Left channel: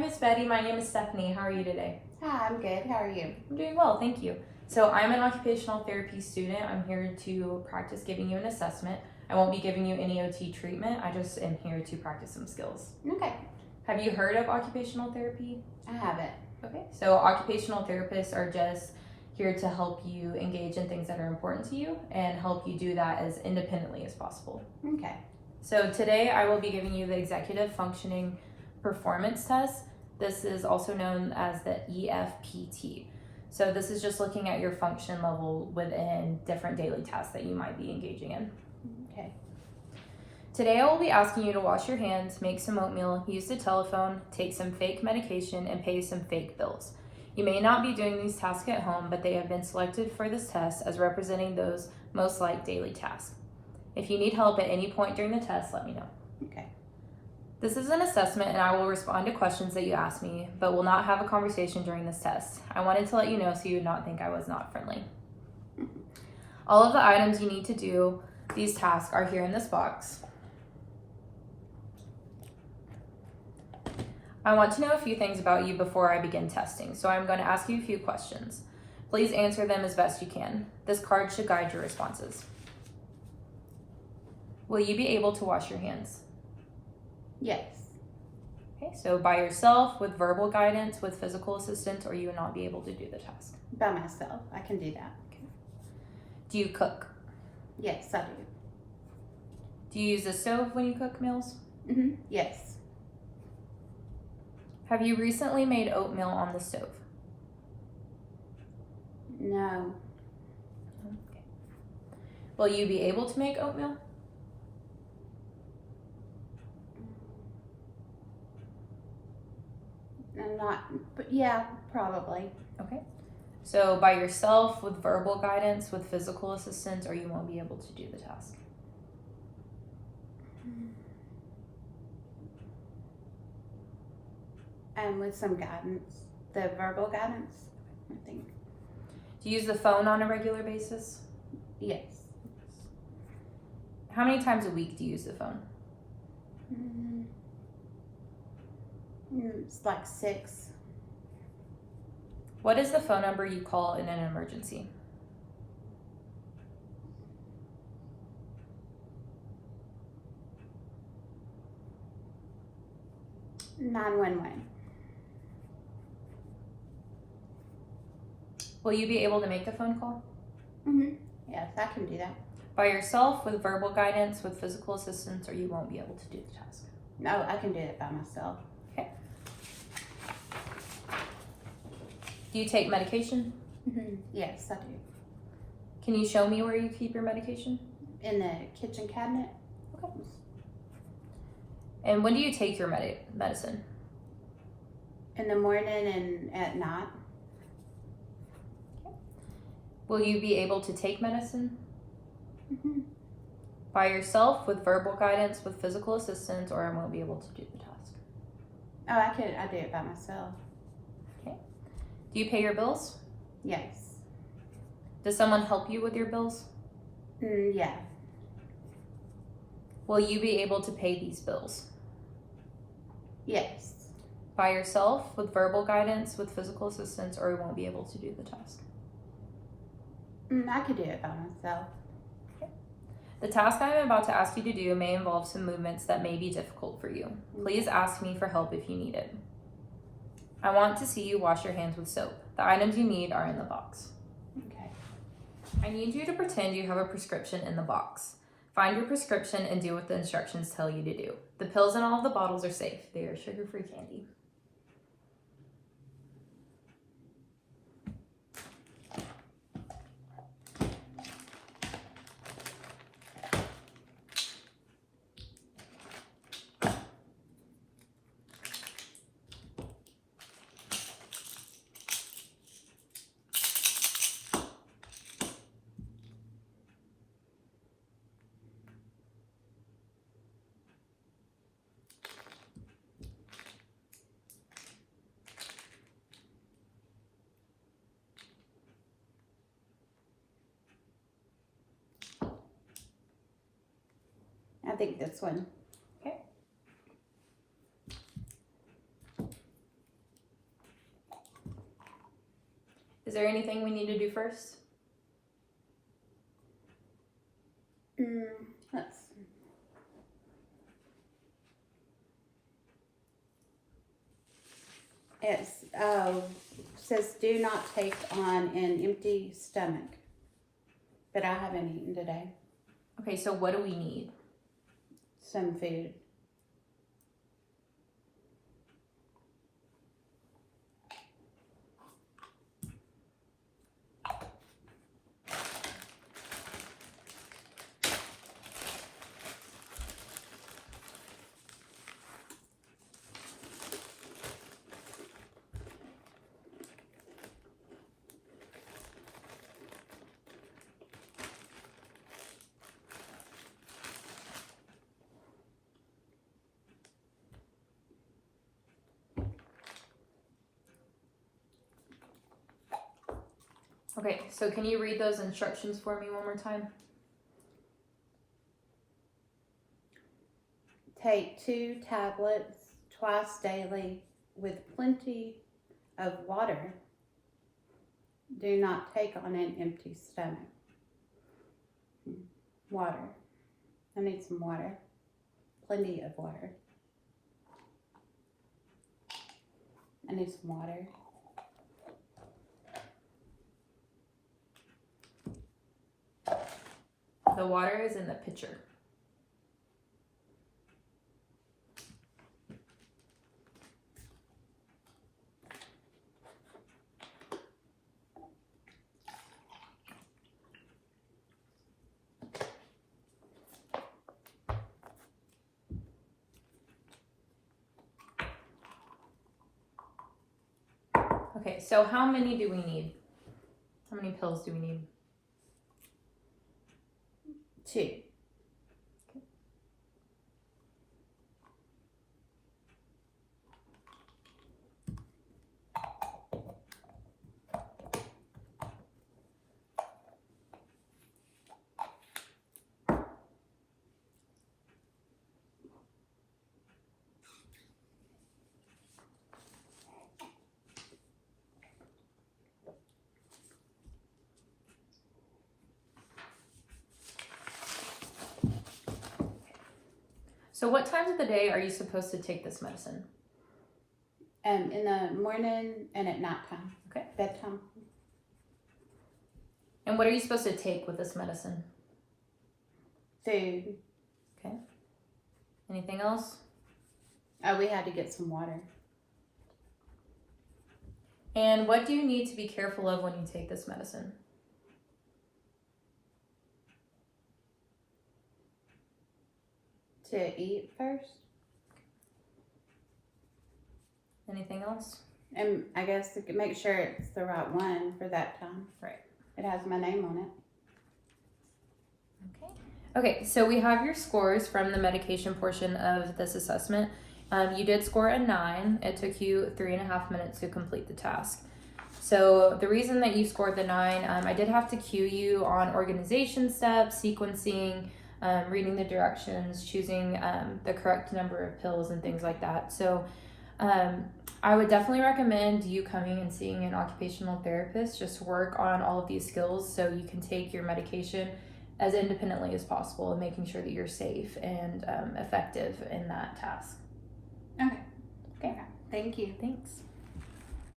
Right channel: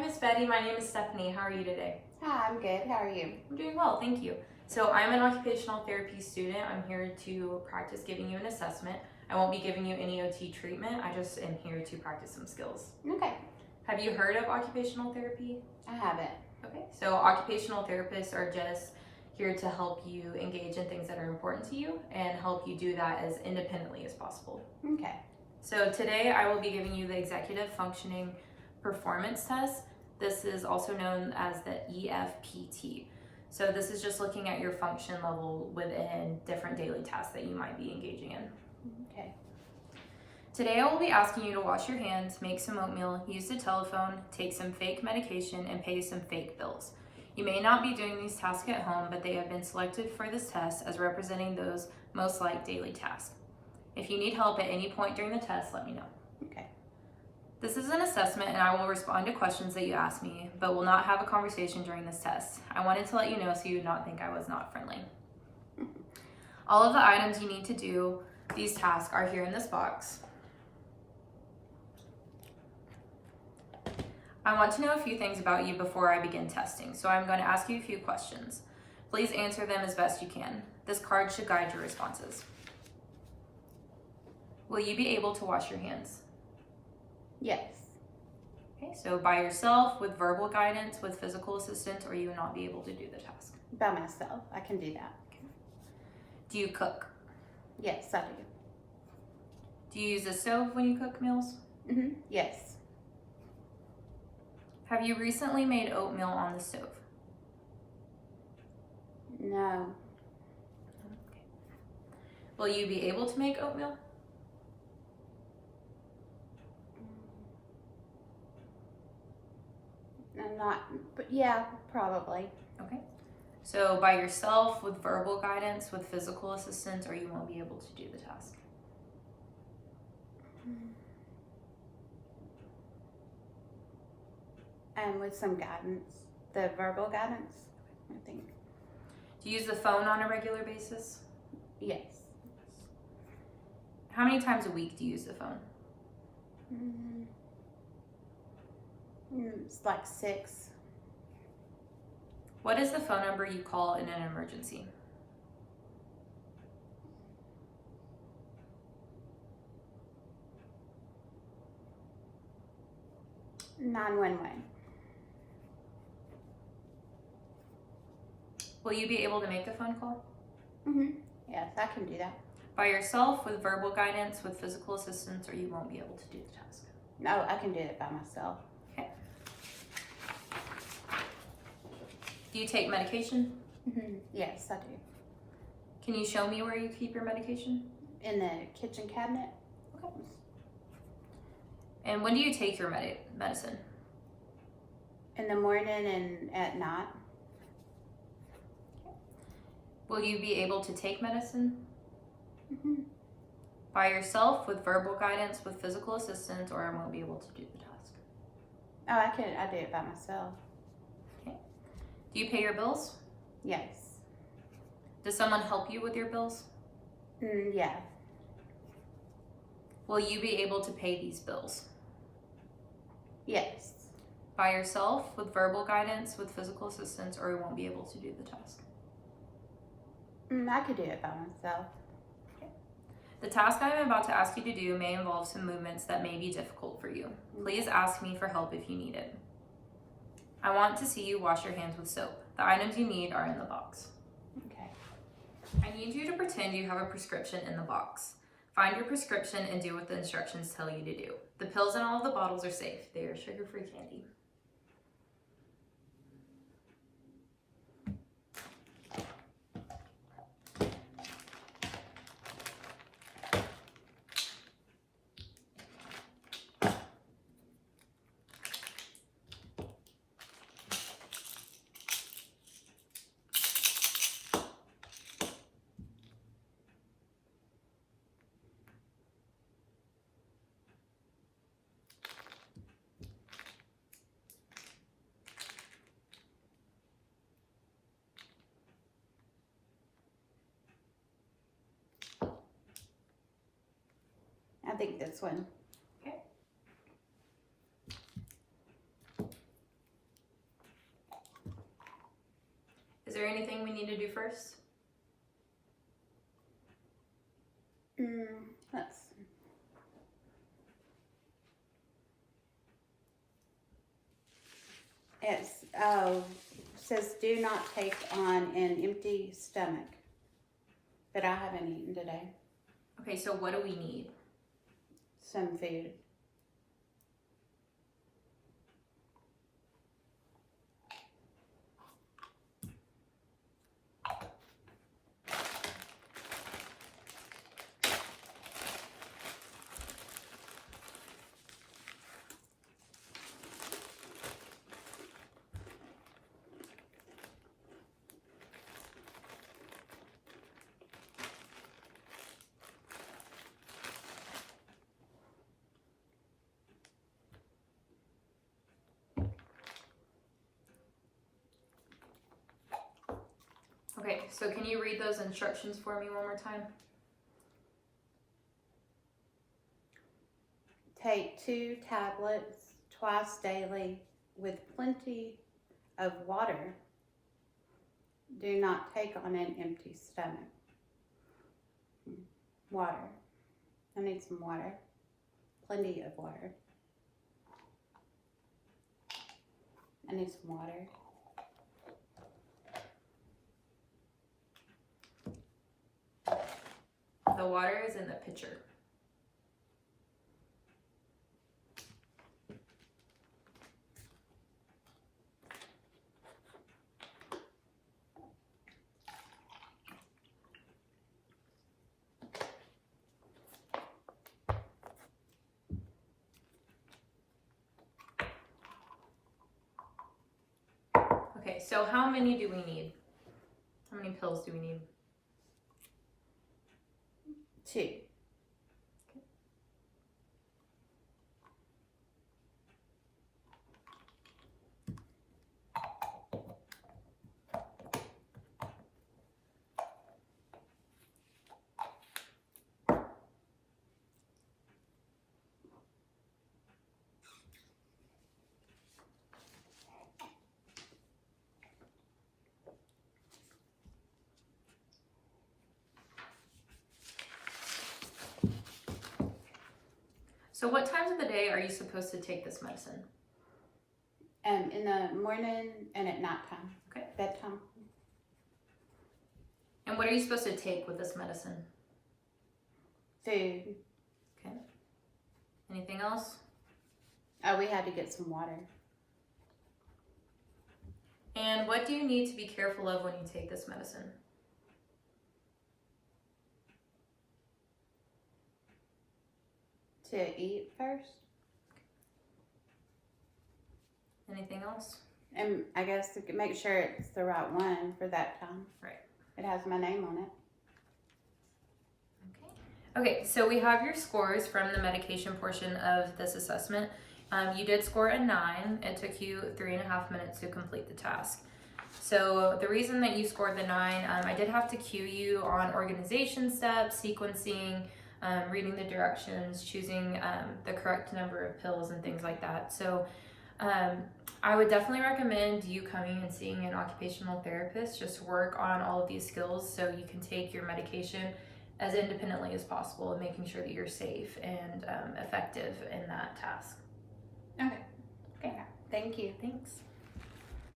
Miss Betty. My name is Stephanie. How are you today? Hi, I'm good. How are you? I'm doing well, thank you. So I'm an occupational therapy student. I'm here to practice giving you an assessment. I won't be giving you any OT treatment. I just am here to practice some skills. Okay. Have you heard of occupational therapy? I haven't. Okay, so occupational therapists are just here to help you engage in things that are important to you and help you do that as independently as possible. Okay. So today I will be giving you the executive functioning performance test. This is also known as the Efpt. So this is just looking at your function level within different daily tasks that you might be engaging in. Okay. Today I will be asking you to wash your hands, make some oatmeal, use the telephone, take some fake medication, and pay some fake bills. You may not be doing these tasks at home, but they have been selected for this test as representing those most like daily tasks. If you need help at any point during the test, let me know. Okay. This is an assessment and I will respond to questions that you ask me, but will not have a conversation during this test. I wanted to let you know so you would not think I was not friendly. All of the items you need to do these tasks are here in this box. I want to know a few things about you before I begin testing, so I'm going to ask you a few questions. Please answer them as best you can. This card should guide your responses. Will you be able to wash your hands? Yes. Okay, so by yourself, with verbal guidance, with physical assistance, or you will not be able to do the task? By myself. I can do that. Okay. Do you cook? Yes, I do. Do you use the stove when you cook meals? Yes. Have you recently made oatmeal on the stove? No. Okay. Will you be able to make oatmeal? I'm not, but yeah, probably. Okay. So by yourself, with verbal guidance, with physical assistance, or you won't be able to do the task? And with some guidance. The verbal guidance, I think. Do you use the phone on a regular basis? Yes. How many times a week do you use the phone? It's like 6. What is the phone number you call in an emergency? 911. Will you be able to make the phone call? Yes, I can do that. By yourself, with verbal guidance, with physical assistance, or you won't be able to do the task? No, I can do it by myself. Okay. Do you take medication? Yes, I do. Can you show me where you keep your medication? In the kitchen cabinet. Okay. And when do you take your medicine? In the morning and at night. Okay. Will you be able to take medicine? By yourself, with verbal guidance, with physical assistance, or I won't be able to do the task? Oh, I do it by myself. Okay. Do you pay your bills? Yes. Does someone help you with your bills? Yeah. Will you be able to pay these bills? Yes. By yourself, with verbal guidance, with physical assistance, or you won't be able to do the task? I could do it by myself. The task I am about to ask you to do may involve some movements that may be difficult for you. Please ask me for help if you need it. I want to see you wash your hands with soap. The items you need are in the box. Okay. I need you to pretend you have a prescription in the box. Find your prescription and do what the instructions tell you to do. The pills in all of the bottles are safe. They are sugar-free candy. I think this one. Okay. Is there anything we need to do first? Let's see. Says do not take on an empty stomach. But I haven't eaten today. Okay, so what do we need? Some food. Okay, so can you read those instructions for me one more time? Take 2 tablets twice daily with plenty of water. Do not take on an empty stomach. Water. I need some water. Plenty of water. I need some water. The water is in the pitcher. Okay, so how many do we need? How many pills do we need? 2. So what times of the day are you supposed to take this medicine? In the morning and at nighttime. Okay. Bedtime. And what are you supposed to take with this medicine? Food. Okay. Anything else? Oh, we had to get some water. And what do you need to be careful of when you take this medicine? To eat first. Anything else? And I guess to make sure it's the right one for that time. Right. It has my name on it. Okay, so we have your scores from the medication portion of this assessment. You did score a 9. It took you 3.5 minutes to complete the task. So the reason that you scored the 9, I did have to cue you on organization steps, sequencing, reading the directions, choosing the correct number of pills and things like that. So I would definitely recommend you coming and seeing an occupational therapist just to work on all of these skills so you can take your medication as independently as possible and making sure that you're safe and effective in that task. Okay. Okay. Thank you. Thanks.